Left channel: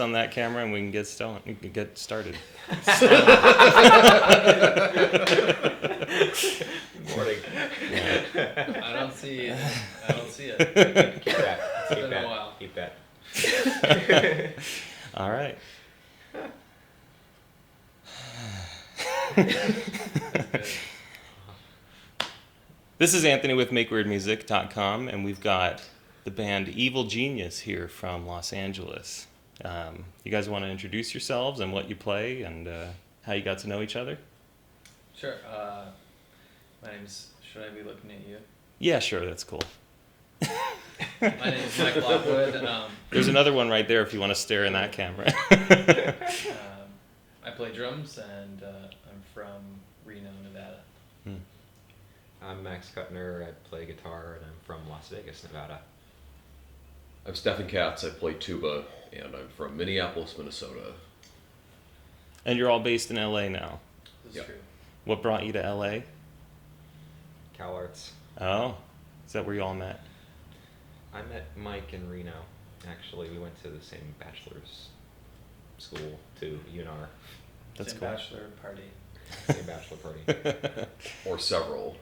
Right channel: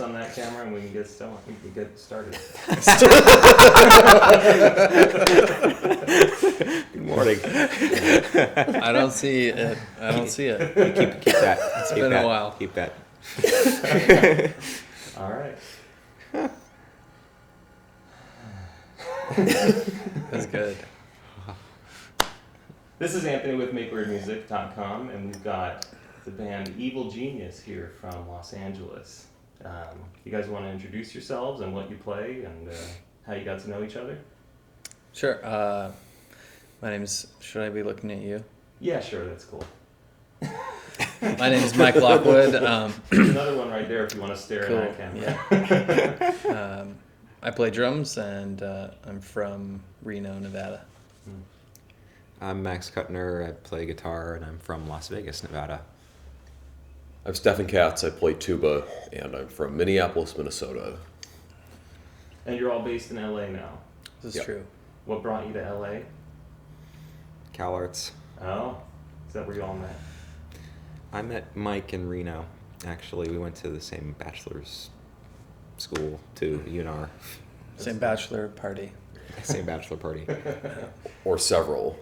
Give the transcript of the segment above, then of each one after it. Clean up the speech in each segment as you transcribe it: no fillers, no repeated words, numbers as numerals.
On that camera and we can get started. Good morning. I don't see it. Keep that. It's been a while. Keep that. All right. That's good. This is Anthony with MakeWeirdMusic.com, and we've got the band Evil Genius here from Los Angeles. You guys want to introduce yourselves and what you play and how you got to know each other? Sure. My name is... Should I be looking at you? Yeah, sure. That's cool. My name is Mike Lockwood. There's another one right there if you want to stare in that camera. Yeah. I play drums, and I'm from Reno, Nevada. I'm Max Kutner. I play guitar, and I'm from Las Vegas, Nevada. I'm Stefan Kac. I play tuba, and I'm from Minneapolis, Minnesota. And you're all based in LA now. This is Yep. true. What brought you to LA? Cal Arts. Oh, is that where you all met? I met Mike in Reno. Actually, we went to the same bachelor's school too, UNR. Same cool. bachelor party. Same bachelor party. Or several.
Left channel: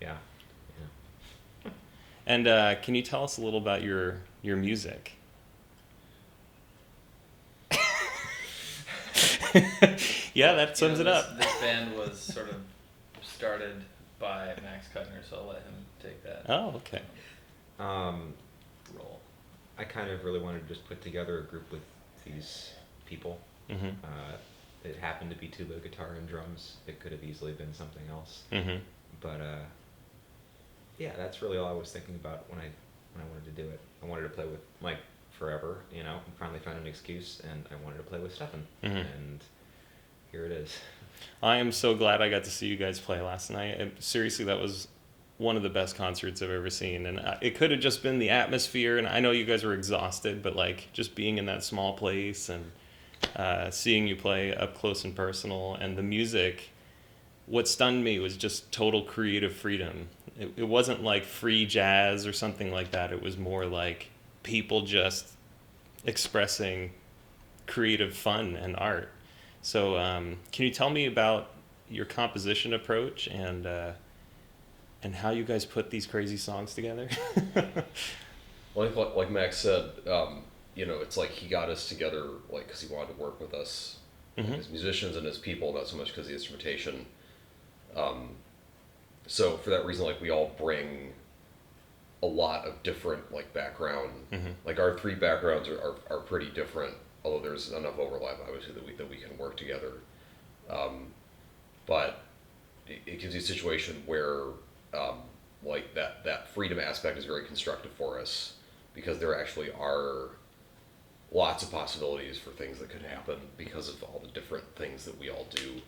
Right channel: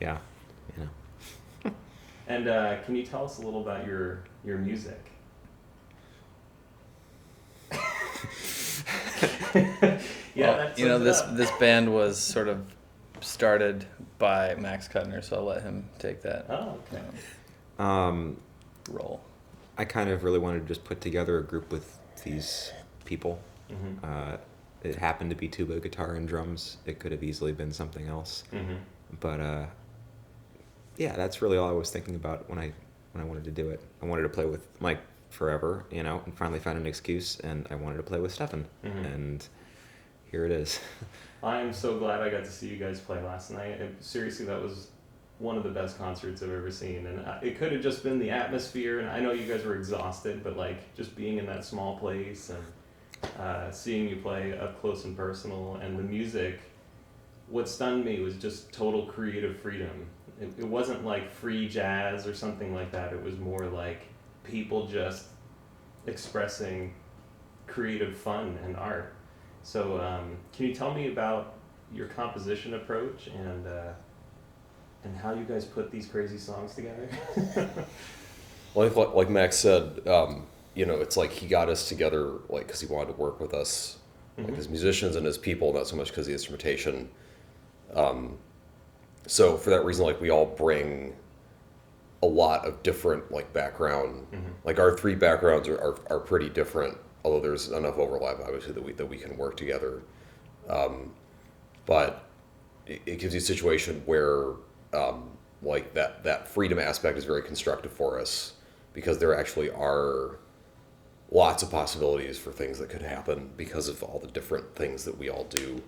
Yeah. And can you tell us a little about your music? Yeah, that sums it up. This band was sort of started by Max Kutner, so I'll let him take that Oh, okay. role. I kind of really wanted to just put together a group with these people. Mm-hmm. It happened to be tuba, guitar, and drums. It could have easily been something else. Mm-hmm. But yeah, that's really all I was thinking about when I wanted to do it. I wanted to play with Mike forever, and finally found an excuse, and I wanted to play with Stefan, Mm-hmm. and here it is. I am so glad I got to see you guys play last night. Seriously, that was one of the best concerts I've ever seen. And it could have just been the atmosphere, and I know you guys were exhausted, but like just being in that small place and seeing you play up close and personal, and the music, what stunned me was just total creative freedom. It wasn't like free jazz or something like that. It was more like people just expressing creative fun and art. So can you tell me about your composition approach and how you guys put these crazy songs together? Like Max said, it's like he got us together like because he wanted to work with us, like as musicians and as people, not so much because of the instrumentation. So for that reason, like we all bring a lot of different like background. Like our three backgrounds are pretty different, although there's enough overlap obviously that we can work together. But it gives you a situation where like that freedom aspect is very constructive for us because there actually are lots of possibilities for things that could happen because of all the different things that we all do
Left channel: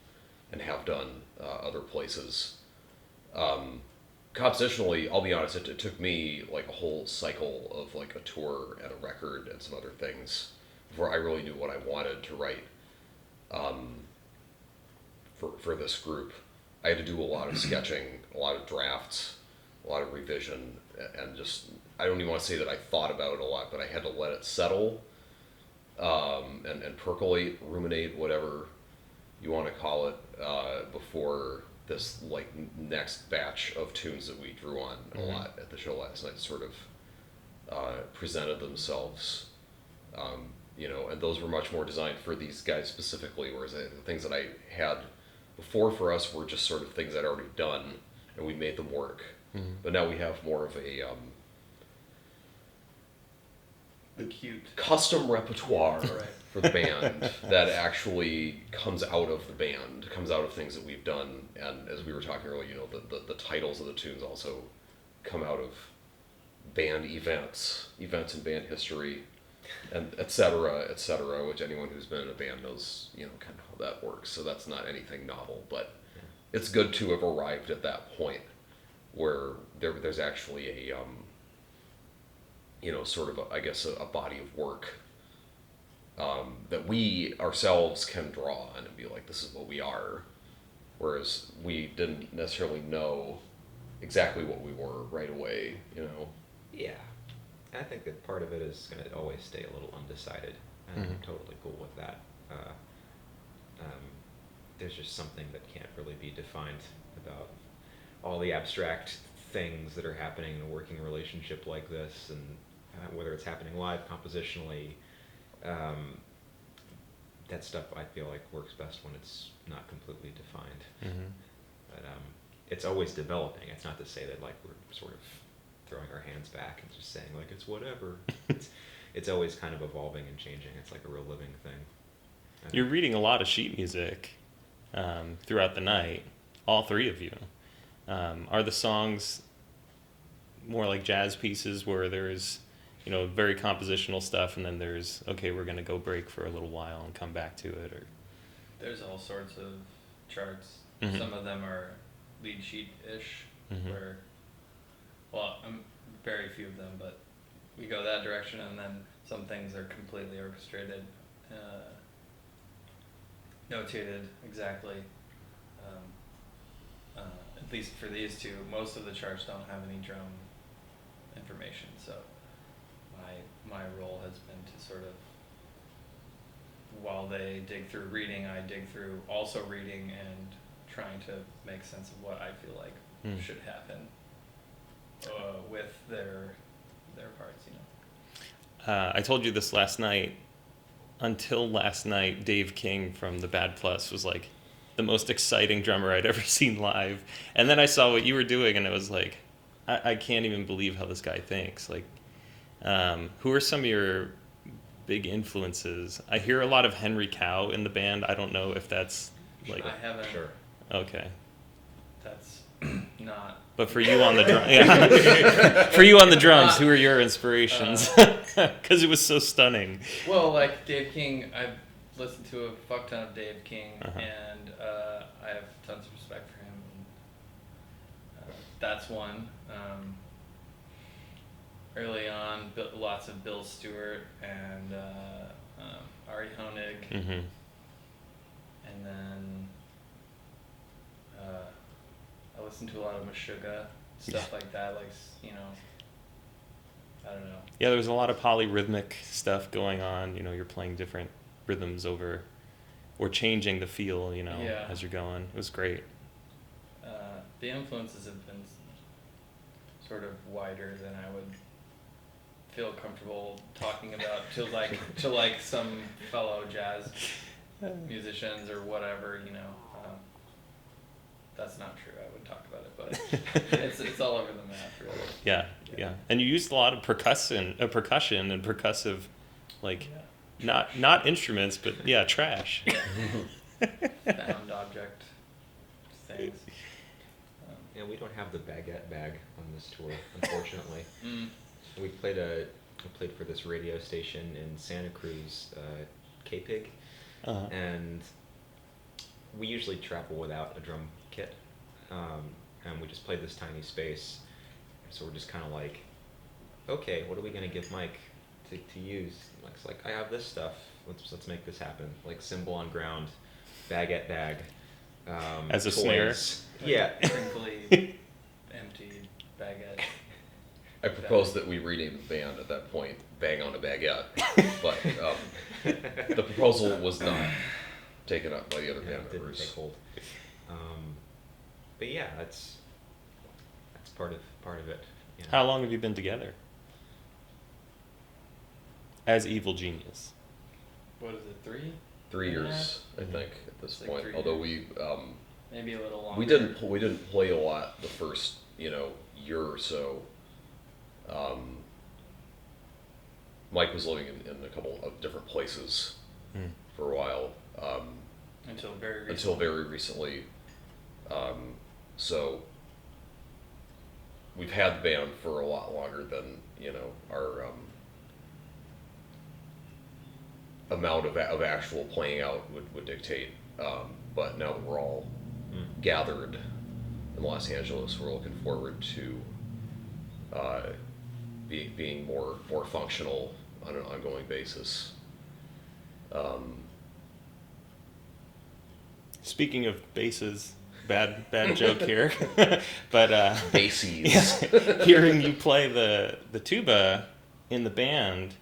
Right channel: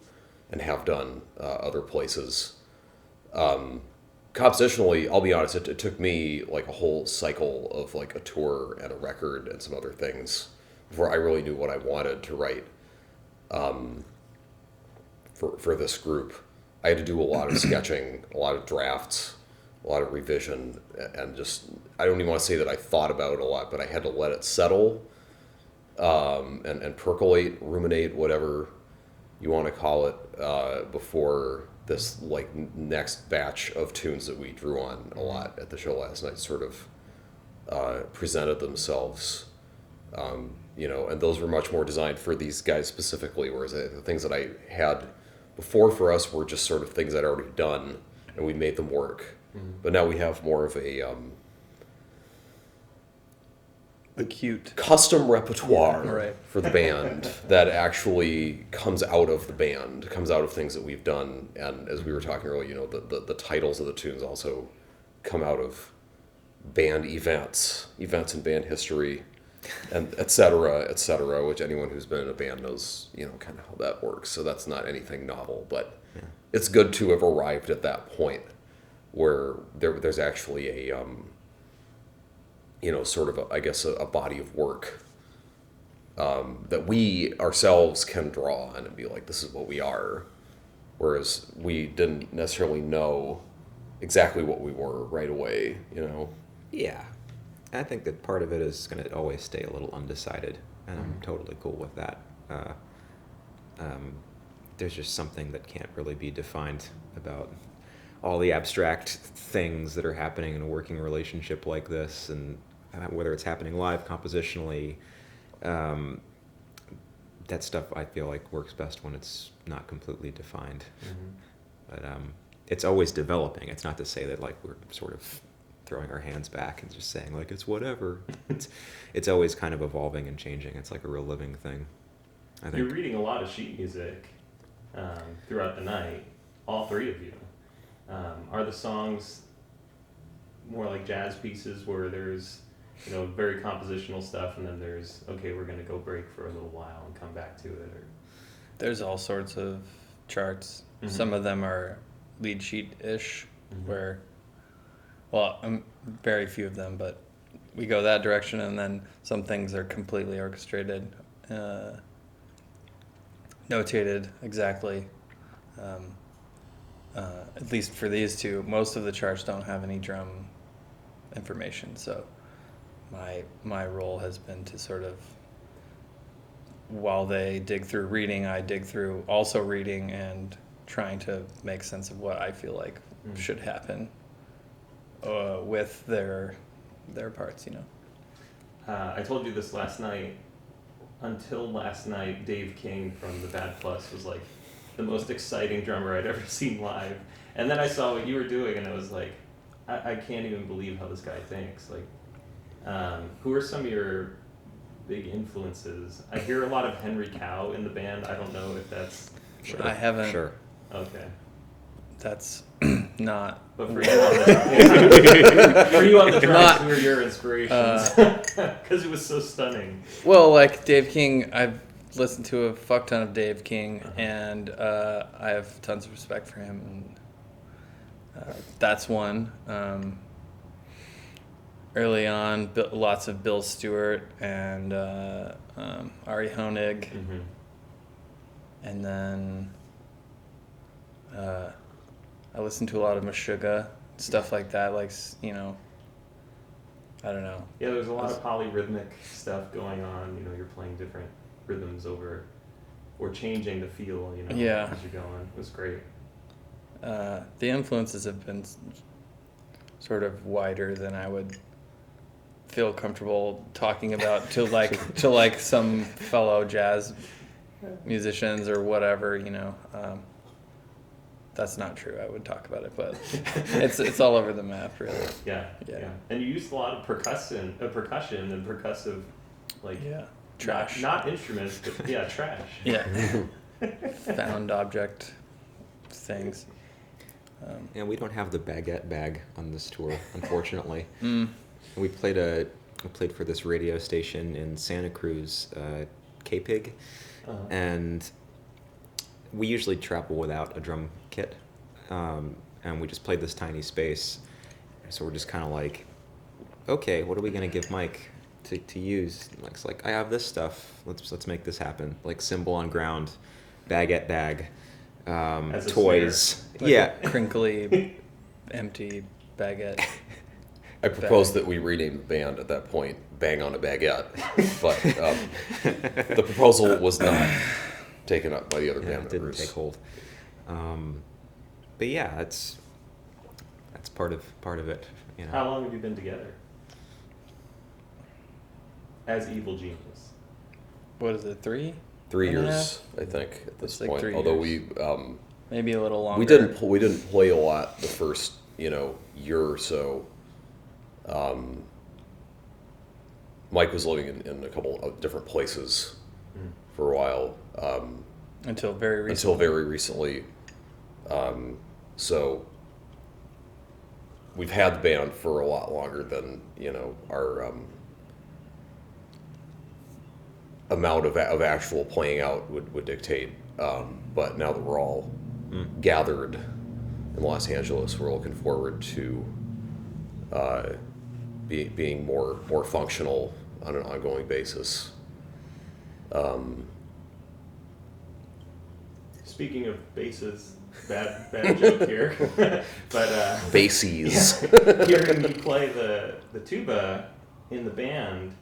and have done other places. Compositionally, I'll be honest, it took me like a whole cycle of like a tour and a record and some other things before I really knew what I wanted to write for this group. I had to do a lot of sketching, a lot of drafts, a lot of revision, and just, I don't even want to say that I thought about it a lot, but I had to let it settle and percolate, ruminate, whatever you want to call it, before this like next batch of tunes that we drew on a lot at the show last night sort of presented themselves. And those were much more designed for these guys specifically, whereas the things that I had before for us were just sort of things I'd already done, and we made them work. But now we have more of a Cute. custom repertoire Right. for the band that actually comes out of the band, comes out of things that we've done. And as we were talking earlier, the titles of the tunes also come out of band events and band history, and et cetera, which anyone who's been in a band knows, kind of how that works. So that's not anything novel, but it's good to have arrived at that point where there's actually a, sort of, a body of work that we ourselves can draw on and be like, this is what we are. Whereas we didn't necessarily know exactly what we were right away, Yeah. I think that part of it is going to always stay a little undecided, and I'm totally cool with that. There's just something that can't really be defined about all the abstract things that are happening in a working relationship like this, and whether it's happening live, compositionally, that stuff I feel like works best when it's not completely defined. But it's always developing. It's not to say that like we're sort of throwing our hands back and just saying like it's whatever. It's always kind of evolving and changing. It's like a real living thing. You're reading a lot of sheet music throughout the night, all three of you. Are the songs more like jazz pieces where there's, very compositional stuff, and then there's, okay, we're going to go break for a little while and come back to it? Or There's all sorts of charts. Some of them are lead sheet-ish, where, very few of them, but we go that direction, and then some things are completely orchestrated, notated exactly. At least for these two, most of the charts don't have any drum information, so my role has been to sort of, while they dig through reading, I dig through also reading and trying to make sense of what I feel like should happen with their parts, you know. I told you this last night. Until last night, Dave King from the Bad Plus was like the most exciting drummer I'd ever seen live. And then I saw what you were doing, and it was like, I can't even believe how this guy thinks. Like, who are some of your big influences? I hear a lot of Henry Cow in the band. I don't know if that's like, I haven't. Sure. okay. That's not. But for you on the drums, for you on the drums, who are your inspirations? Because it was so stunning. Well, like Dave King, I've listened to a fuck ton of Dave King, and I have tons of respect for him. And, that's one. Early on, lots of Bill Stewart and Ari Honig, and then I listened to a lot of Meshuggah, stuff like that. Like, you know, I don't know. Yeah, there's a lot of polyrhythmic stuff going on. You know, you're playing different rhythms over, or changing the feel, you know, as you're going. It was great. The influences have been sort of wider than I would feel comfortable talking about to like some fellow jazz musicians or whatever, you know. That's not true. I would talk about it, but it's all over the map, really. Yeah. And you used a lot of percussion and percussive, like, not instruments, but trash. Yeah. Found object things. Yeah, we don't have the baguette bag on this tour, unfortunately. We played for this radio station in Santa Cruz, K-Pig, and we usually travel without a drum kit, and we just played this tiny space, so we're just kind of like, okay, what are we gonna give Mike to use? Mike's like, I have this stuff. Let's make this happen. Like cymbal on ground, baguette bag, as a toys. Like a crinkly, empty baguette. I proposed that we rename the band at that point Bang on a Baguette, but the proposal was not taken up by the other band Didn't members. take hold. But yeah, that's part of it. You know. How long have you been together? As Evil Genius. What is it, 3? 3 years, I think, at this Like point. 3 Although years. Maybe a little longer. we didn't play a lot the first year or so. Mike was living in a couple of different places for a while. Until very recently. Until very recently. So we've had the band for a lot longer than our amount of actual playing out would dictate. But now that we're all gathered in Los Angeles, we're looking forward to being more functional on an ongoing basis. Speaking of basses, bad joke here, but Bases. hearing you play the tuba in the band,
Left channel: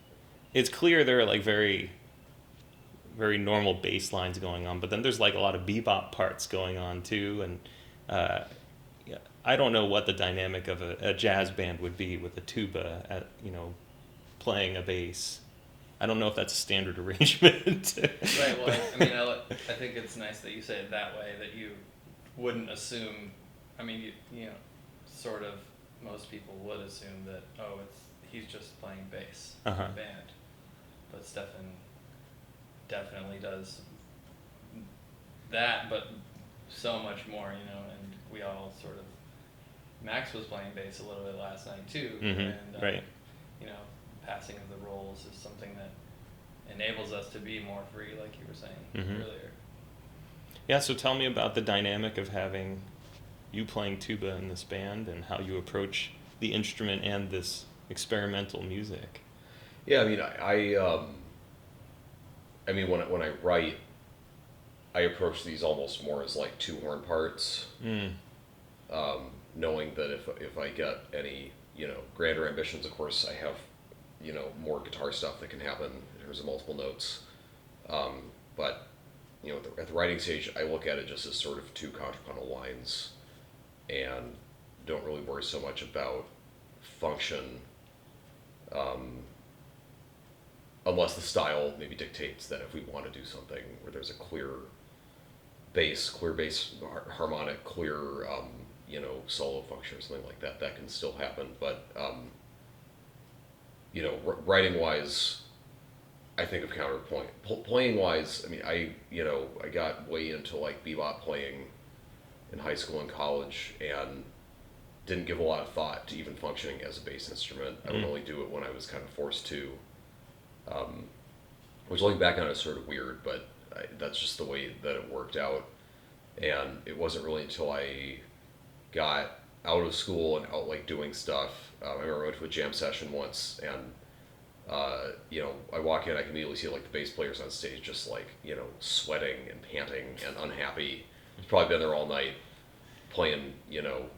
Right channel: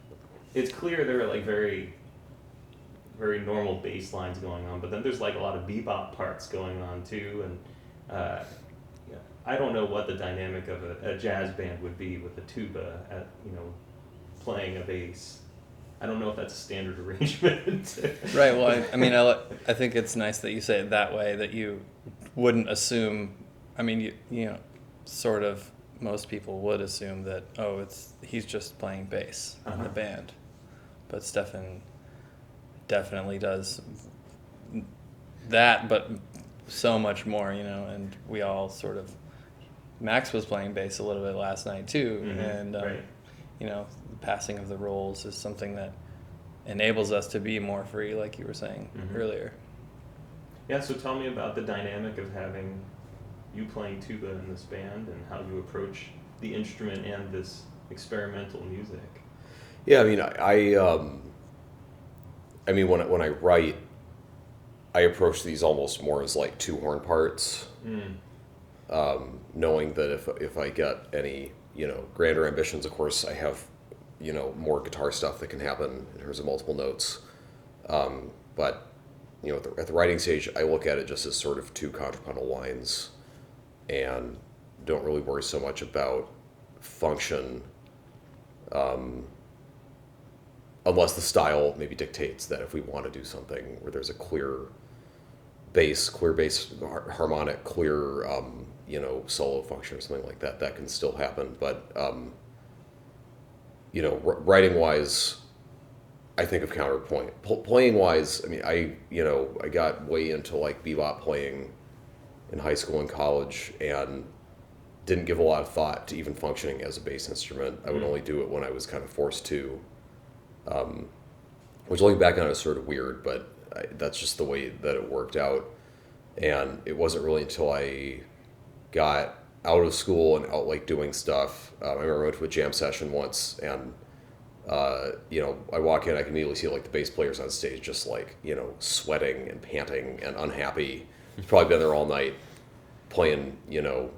it's clear there are like very, very normal bass lines going on, but then there's like a lot of bebop parts going on too, and I don't know what the dynamic of a jazz band would be with a tuba at playing a bass. I don't know if that's a standard arrangement. Right. Well, I mean, I think it's nice that you say it that way. That you wouldn't assume. I mean, sort of. Most people would assume that he's just playing bass in the band, but Stefan definitely does that, but so much more. And we all sort of. Max was playing bass a little bit last night too, and right. Passing of the roles is something that enables us to be more free, like you were saying earlier. Yeah, so tell me about the dynamic of having you playing tuba in this band and how you approach the instrument and this experimental music. Yeah, I mean, I mean, when I write, I approach these almost more as like two horn parts, knowing that if I get any, you know, grander ambitions, of course, I have, you know, more guitar stuff that can happen in terms of multiple notes. But, you know, at the writing stage, I look at it just as sort of two contrapuntal lines, and don't really worry so much about function, unless the style maybe dictates that if we want to do something where there's a clear bass, harmonic, clear, you know, solo function or something like that, that can still happen. But, you know, writing wise, I think of counterpoint. Playing wise, I mean, you know, I got way into like bebop playing in high school and college, and didn't give a lot of thought to even functioning as a bass instrument. I would only do it when I was kind of forced to, which looking back on it is sort of weird, but that's just the way that it worked out. And it wasn't really until I got out of school and out like doing stuff. I remember I went to a jam session once, and you know, I walk in, I can immediately see like the bass players on stage just like, you know, sweating and panting and unhappy. He's probably been there all night playing, you know,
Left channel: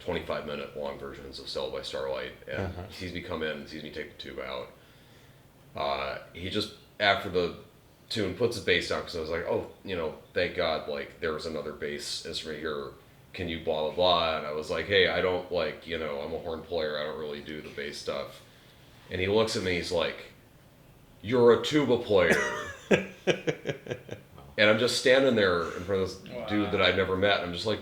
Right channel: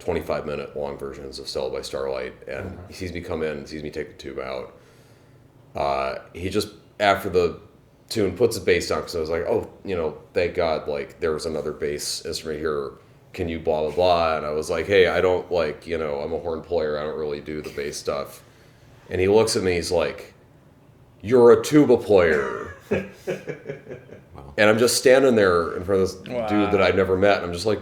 25-minute long versions of Stella by Starlight, and he sees me come in, sees me take the tube out. He just, after the tune, puts his bass down, because I was like, oh, you know, thank God, like, there was another bass instrument here, can you blah, blah, blah, and I was like, hey, I don't, like, you know, I'm a horn player, I don't really do the bass stuff. And he looks at me, he's like, you're a tuba player. And I'm just standing there in front of this dude that I'd never met, and I'm just like,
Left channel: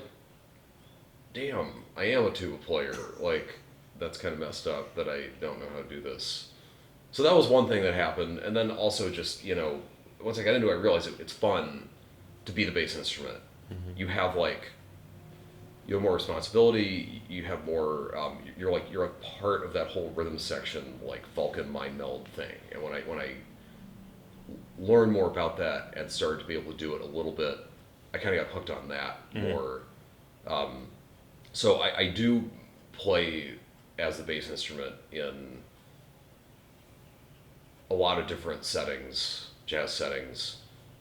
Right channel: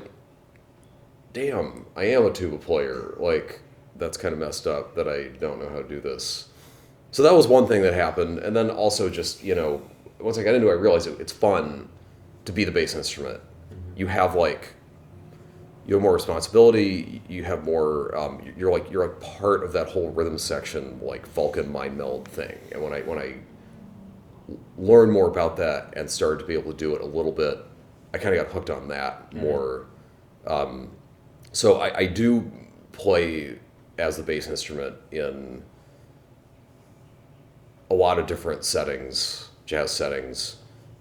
damn, I am a tuba player. Like, that's kind of messed up that I don't know how to do this. So that was one thing that happened. And then also just, you know, once I got into it, I realized it's fun to be the bass instrument. You have like, you have more responsibility. You have more, you're like part of that whole rhythm section, like Vulcan mind meld thing. And when I learned more about that and started to be able to do it a little bit, I kind of got hooked on that more. So I do play as the bass instrument in a lot of different settings, jazz settings,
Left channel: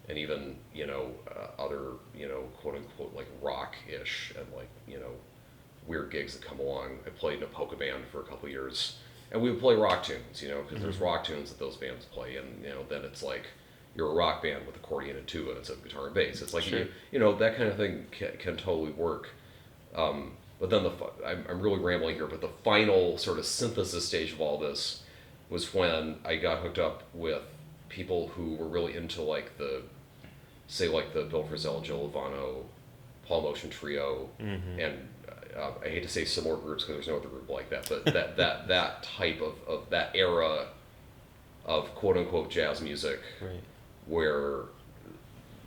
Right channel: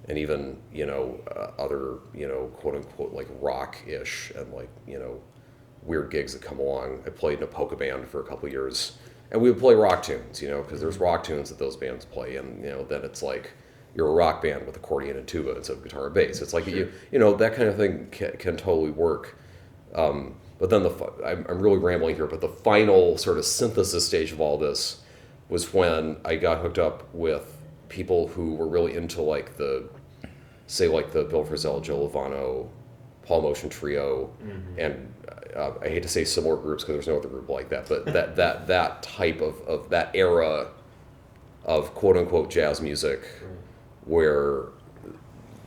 and even, you know, other, you know, quote unquote, like rock-ish, and like, you know, weird gigs that come along. I played in a polka band for a couple of years, and we would play rock tunes, you know, because there's rock tunes that those bands play, and, you know, then it's like you're a rock band with accordion and tuba instead of guitar and bass. It's like, you know, that kind of thing can totally work. But then I'm really rambling here, but the final sort of synthesis stage of all this was when I got hooked up with people who were really into like the Bill Frisell, Joe Lovano, Paul Motion Trio, and I hate to say similar groups because there's no other group like that, but that type of that era of quote unquote jazz music, where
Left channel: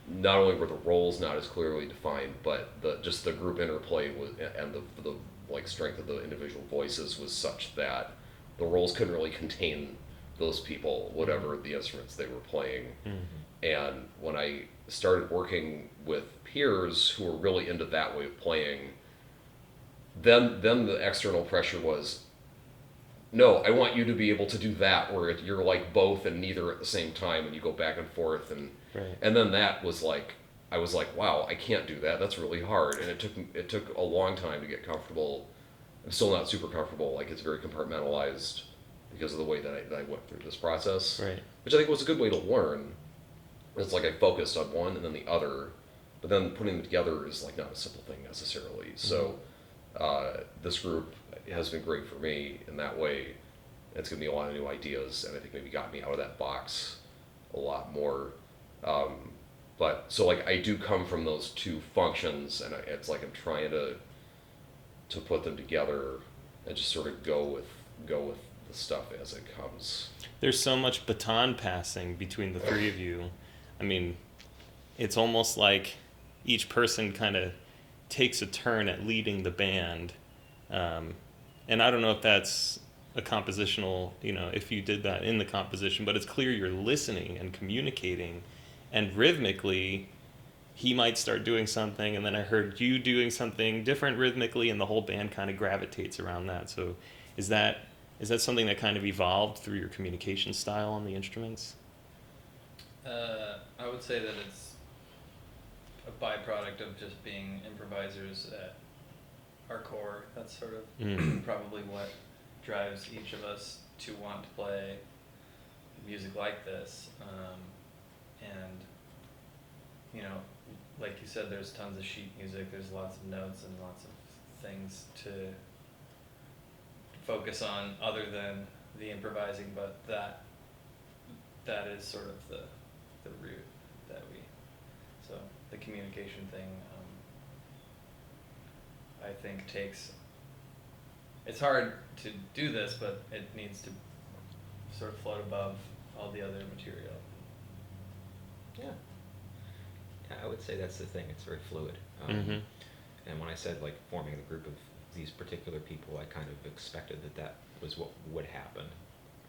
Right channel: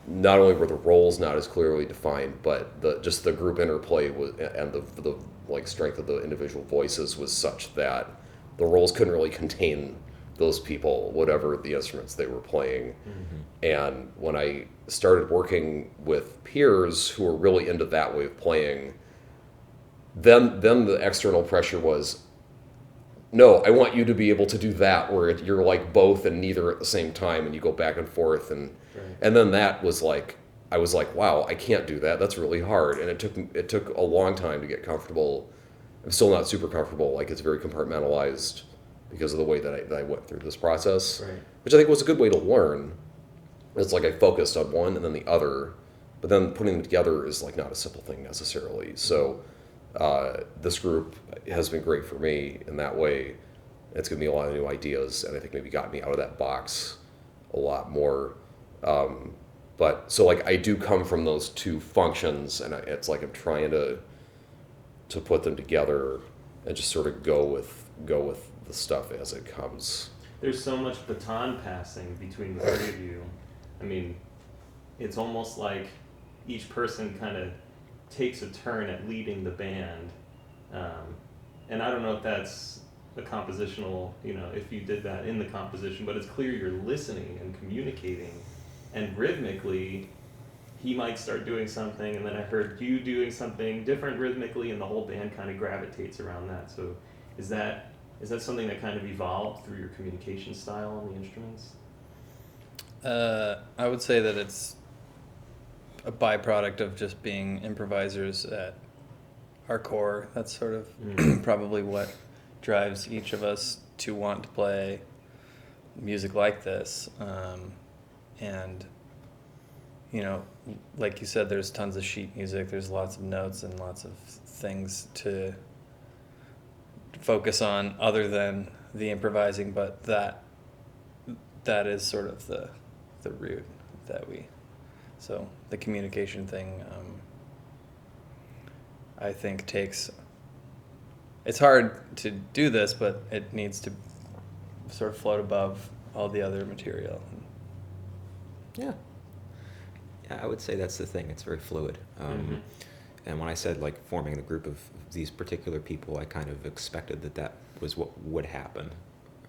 not only were the roles not as clearly defined, but just the group interplay was, and the like strength of the individual voices was such that the roles couldn't really contain those people, whatever the instruments they were playing. And when I started working with peers who were really into that way of playing, then the external pressure was, no, I want you to be able to do that, where you're like both and neither at the same time, and you go back and forth, and then that was like, I was like, wow, I can't do that. That's really hard, and it took a long time to get comfortable. I'm still not super comfortable. Like, it's very compartmentalized because of the way that I went through this process, which I think was a good way to learn. It's like I focused on one and then the other, but then putting them together is like not a simple thing necessarily. So this group has been great for me in that way. It's given me a lot of new ideas, and I think maybe got me out of that box a lot more. But so like I do come from those two functions, and it's like I'm trying to put them together and just sort of go with the stuff as it comes. There's so much baton passing between the three of you. I mean, it's almost like each person kind of takes a turn at leading the band. And I don't know if that's a compositional, you know, if you did that in the composition, but it's clear you're listening and communicating. And rhythmically, he might start doing something, and then I heard you doing something different rhythmically, and the whole band kind of gravitates around that. So is that Is that something that kind of evolved through your communication style on the instruments? I would say that it's a byproduct of just being improvisers at our core. That's sort of probably what drives each of us to want to play music like this. And, you know, like you said, there's tons of sheet music. There's lots of notes and lots of things to focus on other than the improvising, but that is sort of the root that so the communication thing, I think it's hard to do this, but it needs to sort of float above all the other material. Yeah. Yeah, I would say that's the thing. It's very fluid. And when I said like forming the group of these particular people, I kind of expected that was what would happen,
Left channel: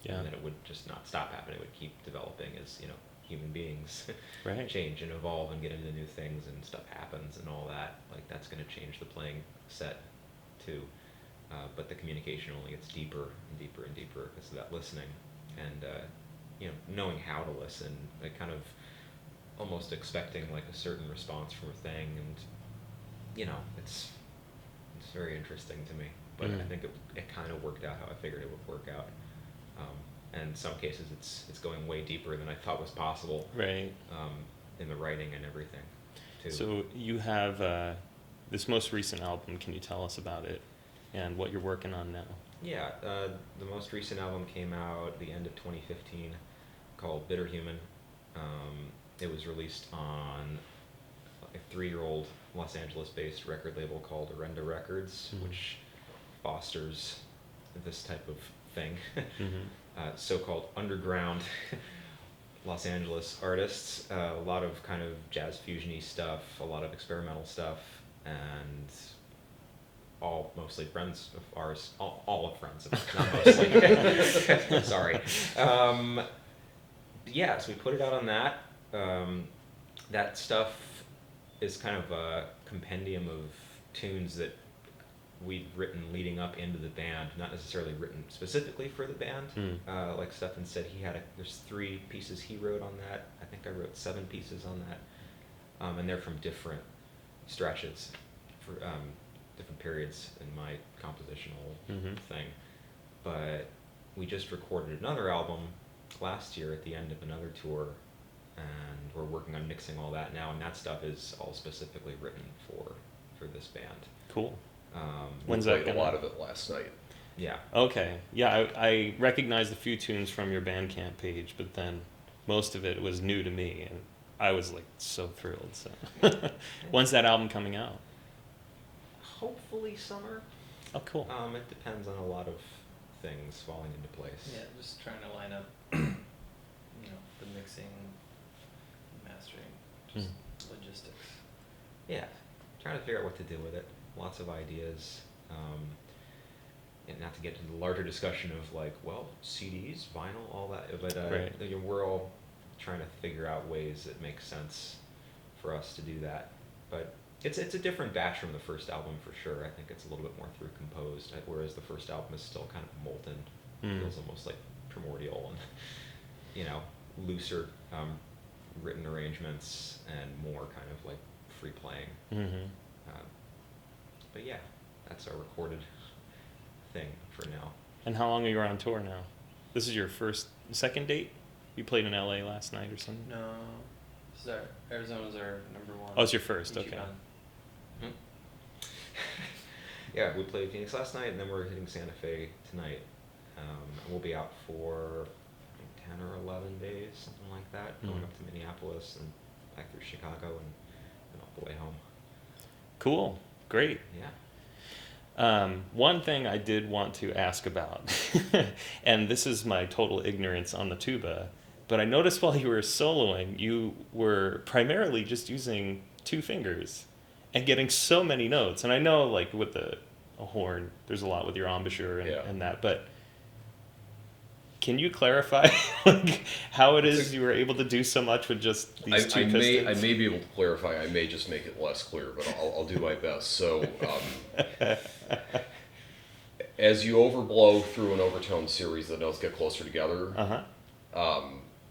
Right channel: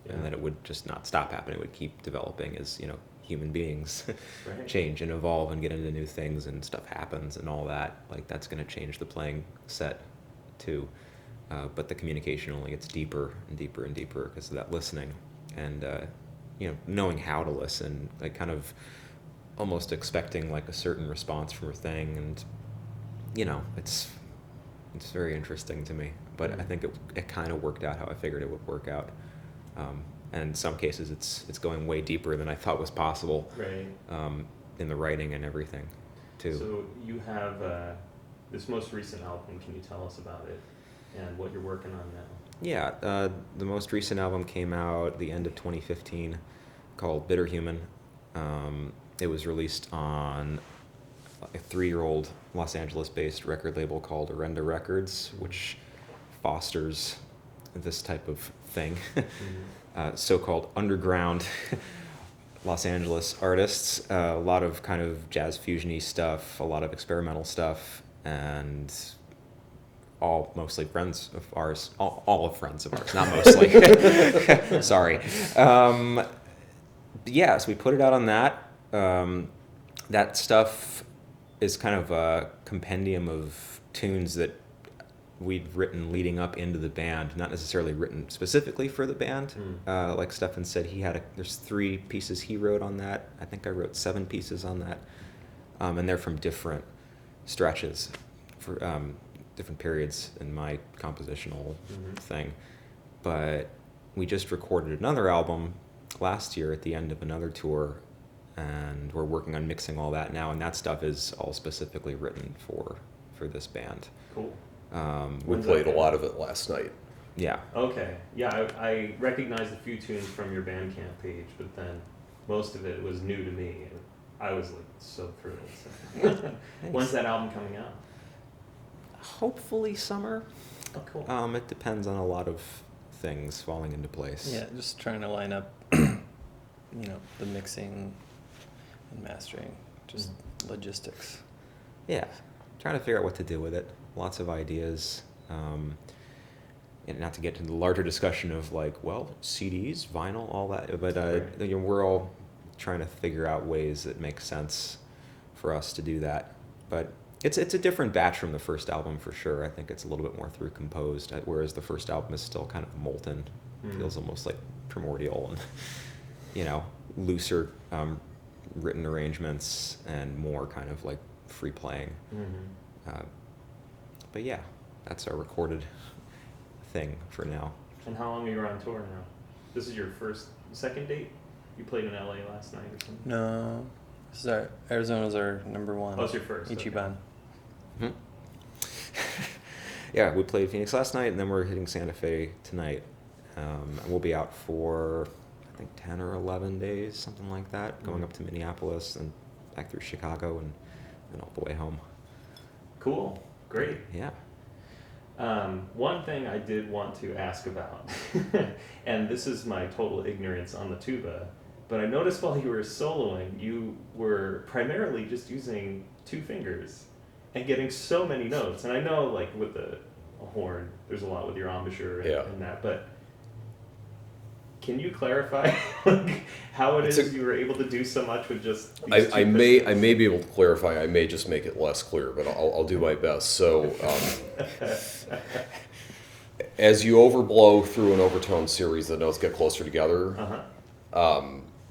and that it would just not stop happening. It would keep developing as, you know, human beings Right. change and evolve and get into new things and stuff happens and all that. Like that's going to change the playing set too. But the communication only gets deeper and deeper and deeper because of that listening and, you know, knowing how to listen, like kind of almost expecting like a certain response from a thing. And, you know, it's very interesting to me, but I think it kind of worked out how I figured it would work out. And in some cases it's going way deeper than I thought was possible. Right. In the writing and everything too. So you have this most recent album. Can you tell us about it and what you're working on now? Yeah, the most recent album came out at the end of 2015 called Bitter Human. It was released on a 3-year-old Los Angeles-based record label called Arenda Records, which fosters this type of thing. So-called underground Los Angeles artists, a lot of kind of jazz fusion-y stuff, a lot of experimental stuff, and all mostly friends of ours, all of friends of ours, not mostly. Sorry. Yeah, so we put it out on that. That stuff is kind of a compendium of tunes that we'd written leading up into the band, not necessarily written specifically for the band. Like Stefan said, there's 3 pieces he wrote on that. I think I wrote 7 pieces on that. And they're from different stretches, for different periods in my compositional thing. But we just recorded another album last year at the end of another tour, and we're working on mixing all that now, and that stuff is all specifically written for this band. Cool. We When's played that a lot of it last night. Yeah. Okay. Yeah, I recognized a few tunes from your Bandcamp page, but then most of it was new to me, and I was like so thrilled. So. When's that album coming out? Hopefully summer. Oh, cool. It depends on a lot of things falling into place. Yeah, just trying to line up, you know, the mixing and mastering, just logistics. Yeah. Trying to figure out what to do with it. Lots of ideas. And not to get into the larger discussion of like, well, CDs, vinyl, all that, but Right. you know, we're all trying to figure out ways that make sense for us to do that. But it's a different batch from the first album for sure. I think it's a little bit more through composed, whereas the first album is still kind of molten. Feels almost like primordial and, you know, looser written arrangements and more kind of like free playing. But yeah, that's our recorded thing for now. And how long are you on tour now? This is your second date? You played in LA last night or something? No, this is Arizona's our number 1. Oh, it's your first. Ichiban. Okay. Yeah, we played Phoenix last night, and then we're hitting Santa Fe tonight. We'll be out for, I think, 10 or 11 days, something like that, going up to Minneapolis and back through Chicago and all the way home. Cool. Great. Yeah. One thing I did want to ask about, and this is my total ignorance on the tuba, but I noticed while you were soloing, you were primarily just using 2 fingers and getting so many notes. And I know, like, with a horn, there's a lot with your embouchure and that, but can you clarify like, how it is you were able to do so much with just these 2 I pistons? may be able to clarify. I may just make it less clear, but I'll do my best. So as you overblow through an overtone series, the notes get closer together.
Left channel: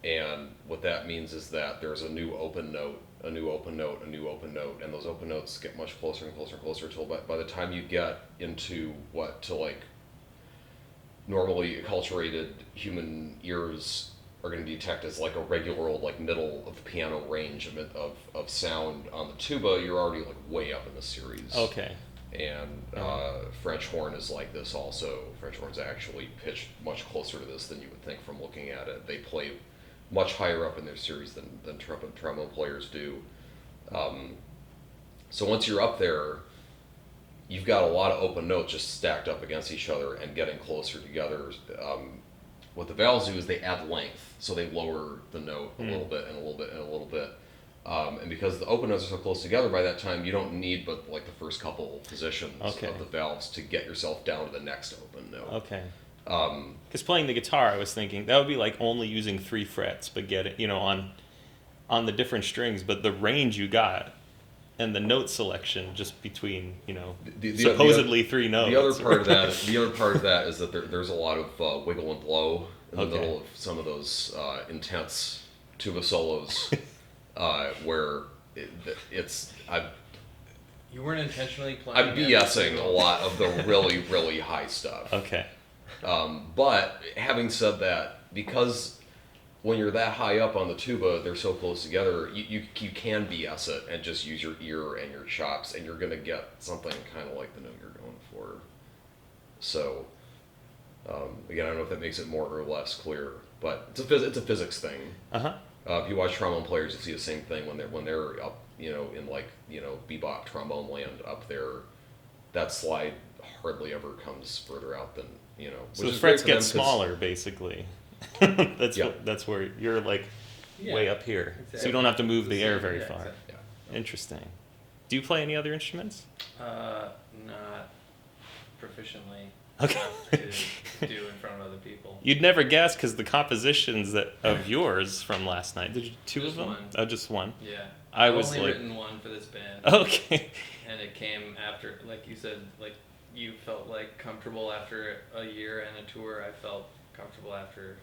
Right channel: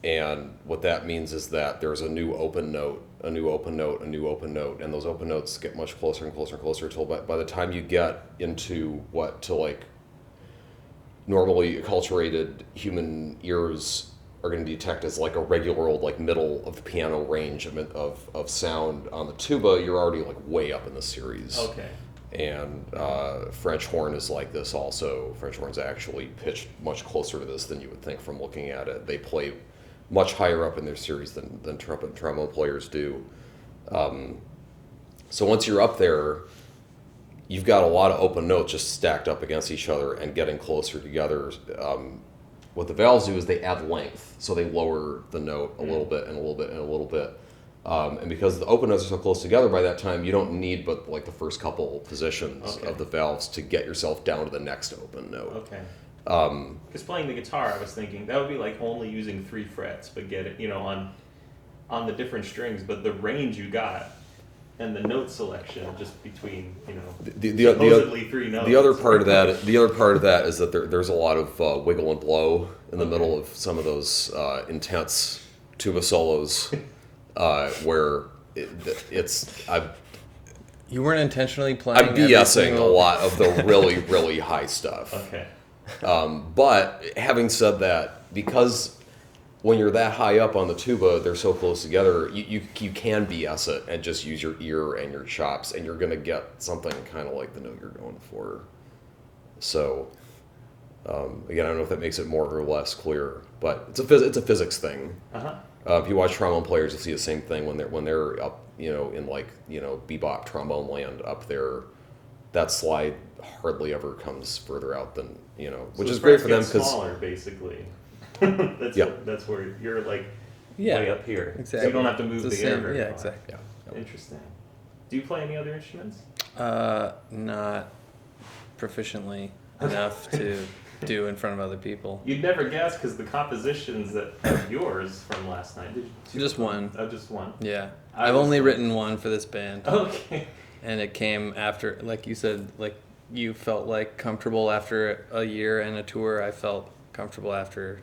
And what that means is that there's a new open note, a new open note, a new open note, and those open notes get much closer and closer and closer until by the time you get into what to like normally acculturated human ears are going to detect as like a regular old like middle of the piano range of sound on the tuba, you're already like way up in the series. Okay. And French horn is like this also. French horn's actually pitched much closer to this than you would think from looking at it. They play much higher up in their series than trumpet and trombone players do. So once you're up there, you've got a lot of open notes just stacked up against each other and getting closer together. What the valves do is they add length, so they lower the note a little bit and a little bit and a little bit. And because the open notes are so close together by that time, you don't need but like the first couple positions of the valves to get yourself down to the next open note. Okay. Because playing the guitar, I was thinking that would be like only using 3 frets, but get it, on the different strings, but the range you got and the note selection just between, supposedly 3 notes. The other part of that is that there's a lot of wiggle and blow in the middle of some of those intense tuba solos. Where you weren't intentionally playing. I'm BSing a lot of the really, really high stuff. Okay. But having said that, because when you're that high up on the tuba, they're so close together, you can BS it and just use your ear and your chops, and you're going to get something kind of like the note you're going for. So, again, I don't know if that makes it more or less clear, but it's a physics thing. If you watch trombone players, you see the same thing when they're up, in like bebop trombone land up there. That slide hardly ever comes further out than So which the is great frets for get them smaller, basically. That's where you're like way up here, exactly. so you don't have to move It's the the air same- very yeah, far. exactly. Interesting. Do you play any other instruments? Not proficiently enough to do in front of other people. You'd never guess because the compositions of yours from last night. Did you two Just of them? one. Oh, just one. Yeah, I I've was only like- written one for this band, Okay. and it came after, like you said, like you felt like comfortable after a year and a tour. I felt comfortable after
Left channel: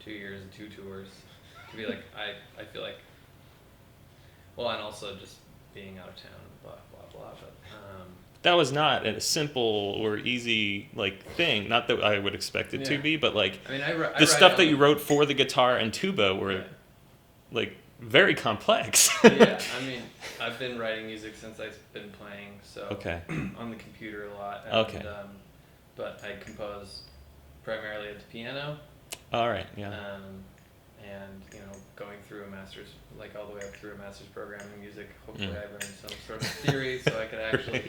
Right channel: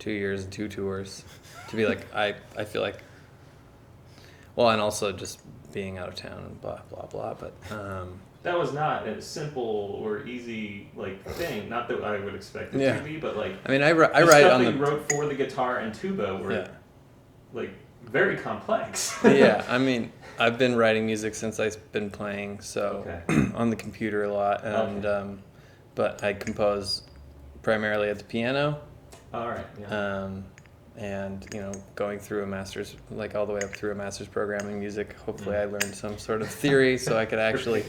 2 years and 2 tours to be like I feel like. Well, and also just being out of town and blah blah blah, but. That was not a simple or easy thing. Not that I would expect it to be, but I mean, I write the stuff on that you wrote for the guitar and tuba were very complex. Yeah, I mean, I've been writing music since I've been playing, so on the computer a lot, and but I compose primarily at the piano. All right. Yeah. And going through a master's, all the way up through a master's program in music. Hopefully, I learned some sort of theory so I could actually.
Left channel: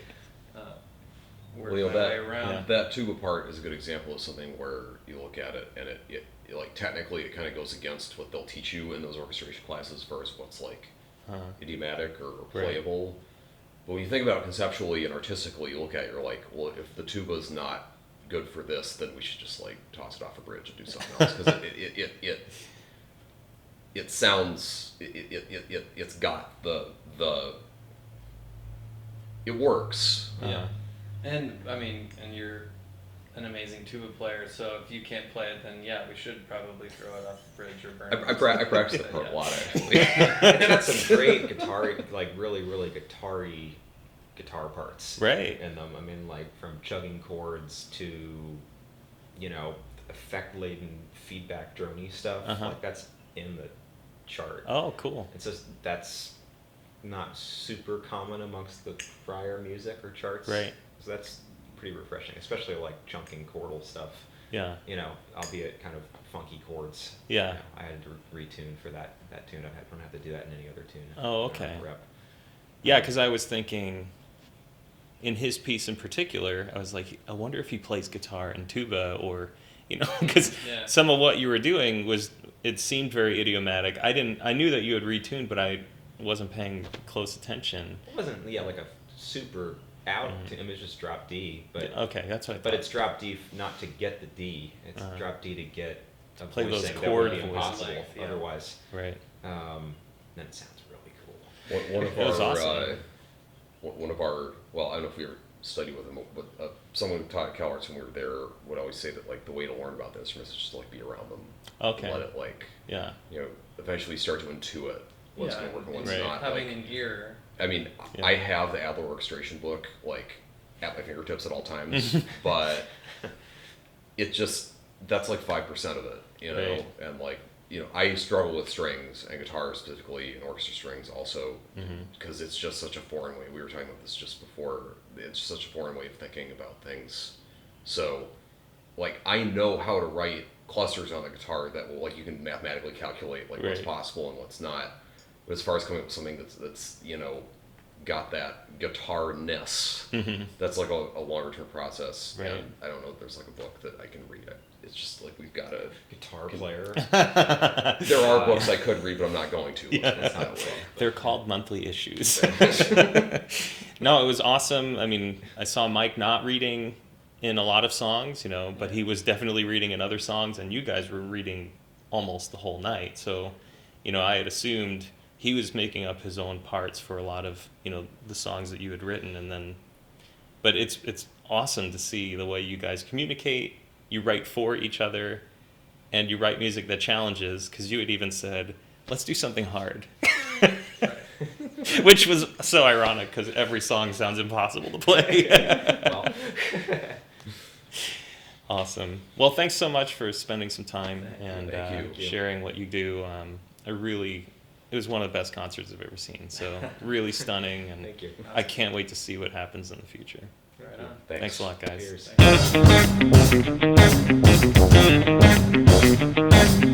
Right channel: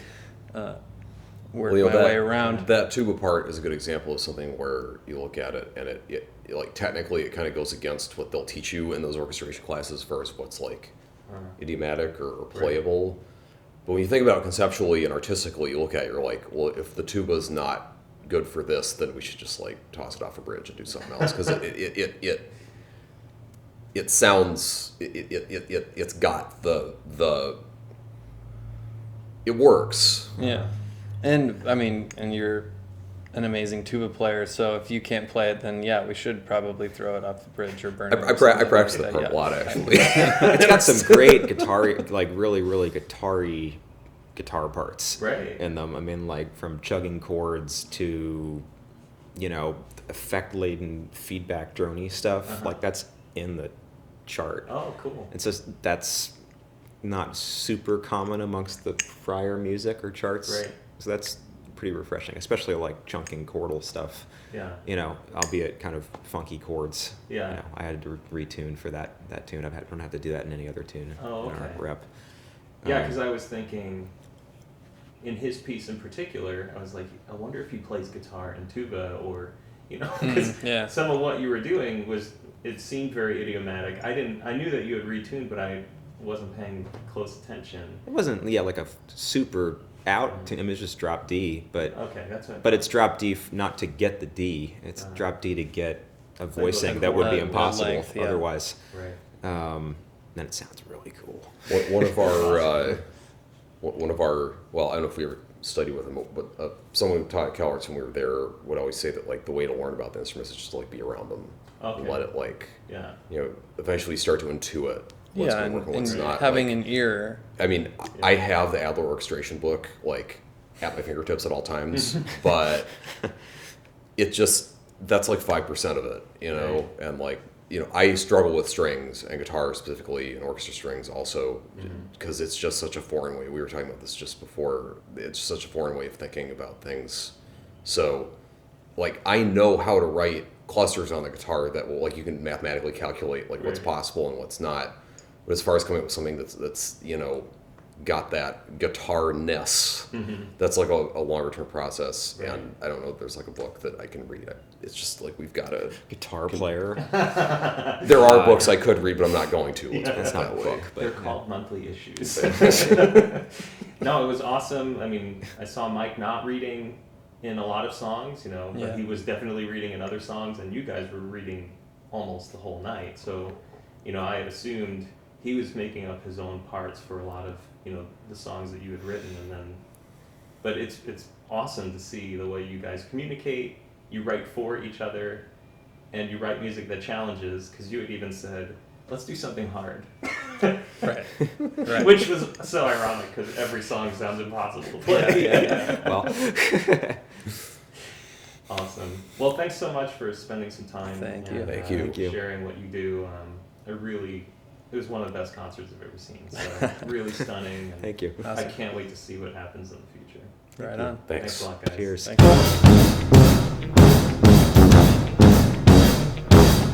Work my way around. That tuba part is a good example of something where you look at it and it technically it kind of goes against what they'll teach you in those orchestration classes first, what's idiomatic or playable. Right. But when you think about it conceptually and artistically, you look at it, you're like, well, if the tuba's not good for this, then we should just toss it off a bridge and do something else because it sounds it's got the it works. Yeah. And I mean, and you're an amazing tuba player, so if you can't play it, then we should probably throw it off the bridge or burn it. I practice the part a lot, actually. It's got some great guitar, really, really guitar-y guitar parts in them. I mean, from chugging chords to, effect-laden feedback drony stuff. That's in the chart. Oh, cool. It's just that's not super common amongst the prior music or charts. Right. So that's pretty refreshing, especially chunking chordal stuff. Yeah. Albeit kind of funky chords. Yeah. I had to retune for that tune. I don't have to do that in any other tune. Oh, okay. Rep. Yeah, because I was thinking, in his piece in particular, I was like, I wonder if he plays guitar and tuba, or because some of what you were doing it seemed very idiomatic. I knew that you had retuned, but I wasn't paying close attention. It wasn't a super out tune. It was just drop D, but okay, that's what. But it's drop D not to get the D. It's drop D to get a voicing that would be impossible otherwise. Right. Then it sounds really cool. One of our well, I don't know if we ever study with him, but someone who taught Cal Arts when we were there would always say that like the way to learn about the instruments is just to like be around them. Okay. And let it like, Yeah. you know, eventually start to intuit what's Yeah, going to work and what's and not. having like, an ear. I mean, Yeah. I have the Adler orchestration book like at my fingertips at all times, but it just, that's like 5% of it, you know, Right. and like, you know, I struggle with strings and guitar specifically and orchestra strings also because it's just such a foreign way. We were talking about this just before. It's such a foreign way of thinking about things. So, like, I know how to write clusters on the guitar that will, like, you can mathematically calculate like what's Right. possible and what's not. But as far as coming up with something that's you know, got that guitar-ness, that's like a longer term process. Right. And I don't know if there's like a book that I can read. It's just like we've got to. Guitar player. There are books I could read, but I'm not going to. Let's put it It's not that a way. book. They're called monthly issues. No, it was awesome. I mean, I saw Mike not reading in a lot of songs, you know, but Yeah. he was definitely reading in other songs, and you guys were reading almost the whole night. So, you know, I had assumed he was making up his own parts for a lot of, you know, the songs that you had written, and then, but it's awesome to see the way you guys communicate. You write for each other, and you write music that challenges, because you had even said, let's do something hard. Right. Which was so ironic because every song sounds impossible to play. Well, Awesome. Well, thanks so much for spending some time Thank you. and Thank you. sharing what you do. It was one of the best concerts I've ever seen. So really stunning. And thank you. I Awesome. can't wait to see what happens in the future. Right on. Thanks a lot, guys. Cheers. Thank you.